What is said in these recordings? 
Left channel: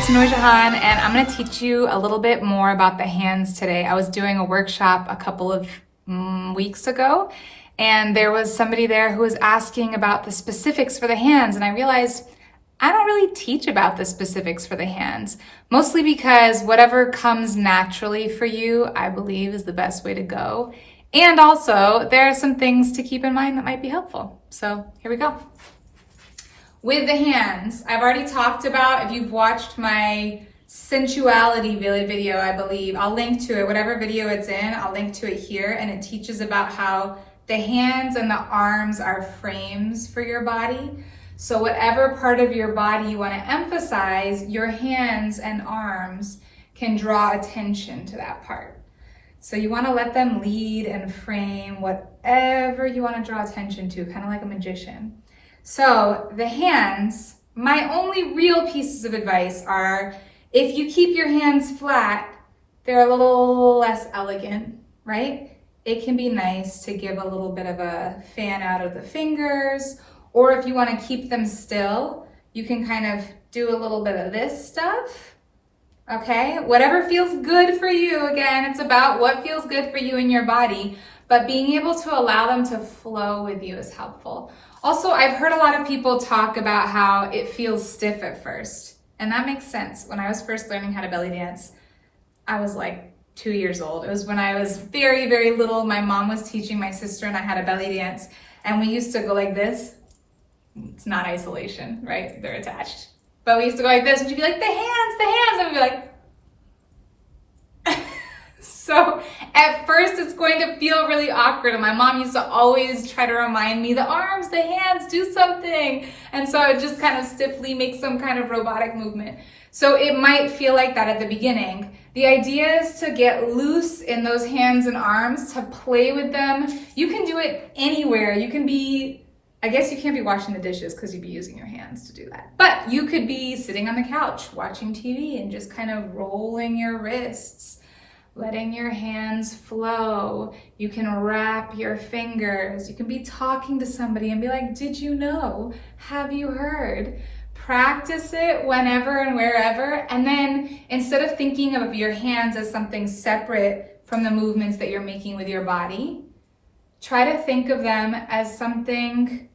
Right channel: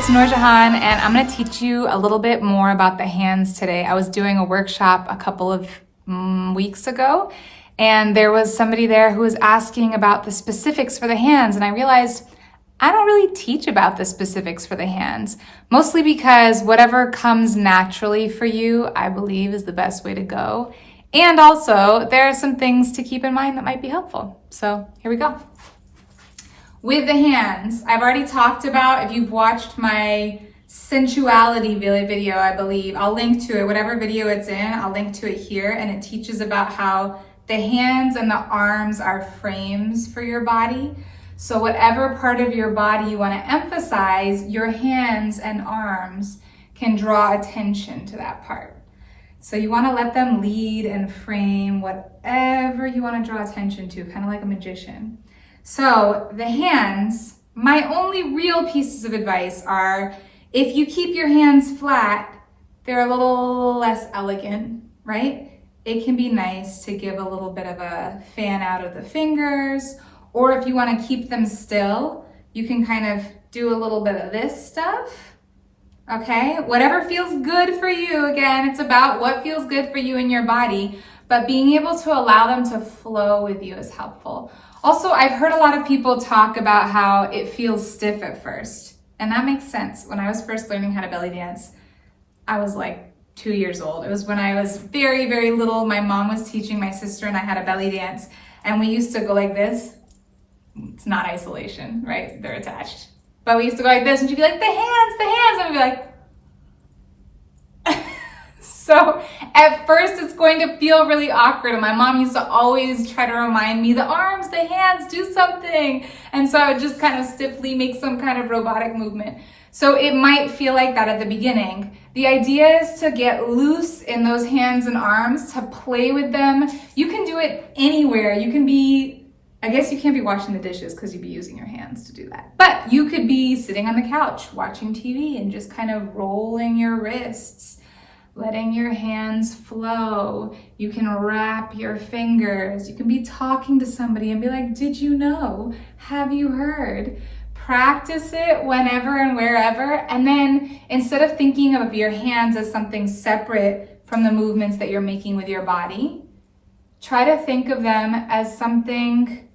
it's Nurjahan, and I'm going to teach you a little bit more about the hands today. I was doing a workshop a couple of weeks ago, and there was somebody there who was asking about the specifics for the hands, and I realized I don't really teach about the specifics for the hands, mostly because whatever comes naturally for you, I believe, is the best way to go. And also, there are some things to keep in mind that might be helpful. So here we go. With the hands, I've already talked about, if you've watched my sensuality video, I believe, I'll link to it, whatever video it's in, I'll link to it here, and it teaches about how the hands and the arms are frames for your body. So whatever part of your body you want to emphasize, your hands and arms can draw attention to that part. So you want to let them lead and frame whatever you want to draw attention to, kind of like a magician. So the hands, my only real pieces of advice are, if you keep your hands flat, they're a little less elegant, right? It can be nice to give a little bit of a fan out of the fingers, or if you want to keep them still, you can kind of do a little bit of this stuff, okay? Whatever feels good for you. Again, it's about what feels good for you in your body, but being able to allow them to flow with you is helpful. Also, I've heard a lot of people talk about how it feels stiff at first, and that makes sense. When I was first learning how to belly dance, I was like 2 years old. It was when I was very, very little. My mom was teaching my sister and I how to belly dance, and we used to go like this. It's not isolation, right? They're attached. But we used to go like this, and she'd be like, the hands, and we'd be like, so at first it's going to feel really awkward, and my mom used to always try to remind me, the arms, the hands, do something. And so I would just kind of stiffly make some kind of robotic movement. So it might feel like that at the beginning. The idea is to get loose in those hands and arms, to play with them. You can do it anywhere. You can be, I guess you can't be washing the dishes because you'd be using your hands to do that. But you could be sitting on the couch watching TV and just kind of rolling your wrists, letting your hands flow. You can wrap your fingers. You can be talking to somebody and be like, did you know? Have you heard? Practice it whenever and wherever. And then instead of thinking of your hands as something separate from the movements that you're making with your body, try to think of them as something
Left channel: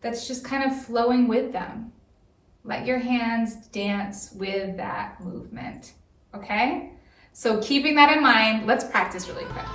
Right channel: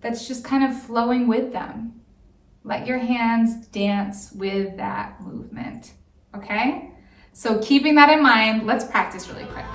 that's just kind of flowing with them. Let your hands dance with that movement, okay? So keeping that in mind, let's practice really quick.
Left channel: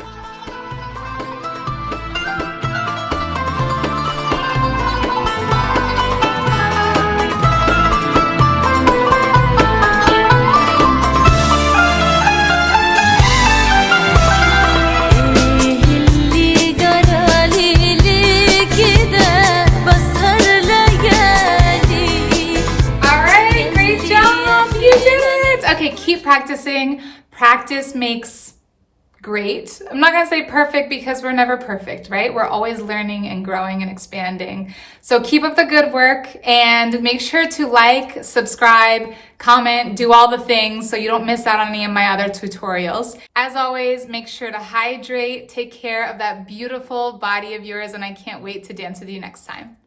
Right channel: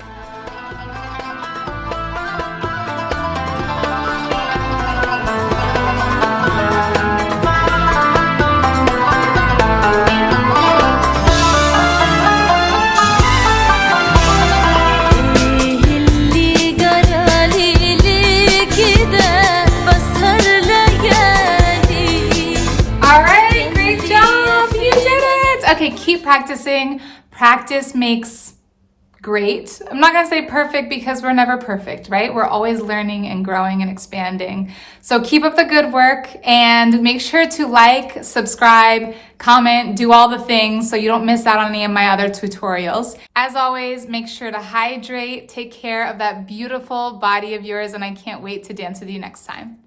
Okay, keep practicing. Practice makes great. I'm not gonna say perfect because we're never perfect, right? We're always learning and growing and expanding. So keep up the good work and make sure to like, subscribe, comment, do all the things so you don't miss out on any of my other tutorials. As always, make sure to hydrate, take care of that beautiful body of yours, and I can't wait to dance with you next time.